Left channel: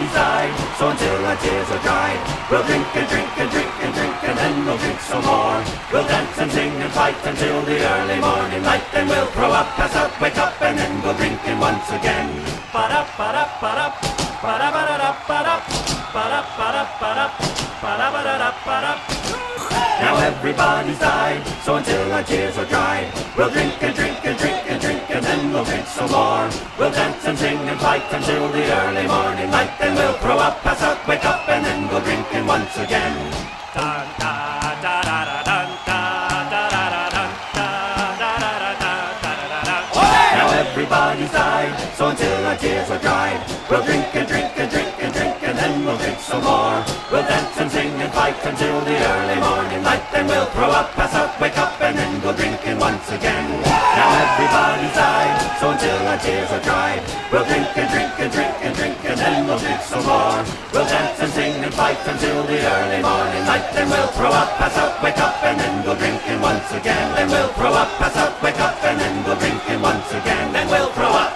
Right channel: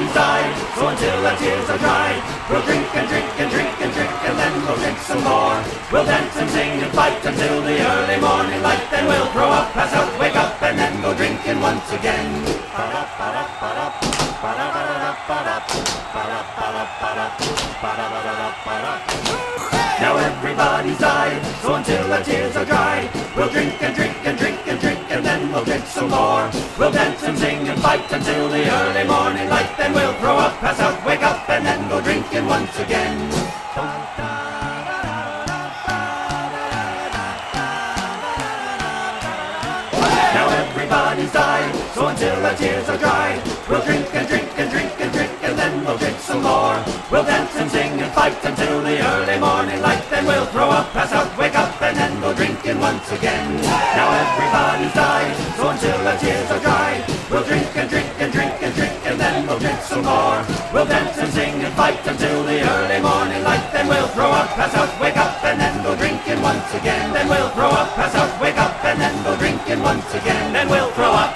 everybody's died. So until our tears are dried, we'll drink and drink and drink and drink, and then we'll drink some more. We'll dance and sing and fight until the early morning light. Then we'll throw up, pass out, wake up, and then go drinking once again. Ba-da, ba-da, ba-da, ba-da, ba-da, ba-da, ba-da, ba-da, ba-da, ba-da, ba-da, ba-da. Now everybody's died, so until our tears are dried, we'll drink and drink and drink and drink, and then we'll drink some more. We'll dance and sing and fight until the early morning light. Then we'll throw up, pass out, wake up, and then go drinking once again. Now everybody's died, so until our tears are dried, we'll drink and drink and drink and drink, and then we'll drink some more. We'll dance and sing and fight until the early morning light. Then we'll throw up, pass out, wake up, and then go drinking once again. Now everybody's died, so until our tears are dried, we'll drink and drink and drink and drink, and then we'll drink some more. We'll dance and sing and fight until the early morning light. Then we'll throw up, pass out, wake up, and then go drinking once again. Then we'll throw up, pass out, wake up, and then go drinking once again. Then we'll throw up.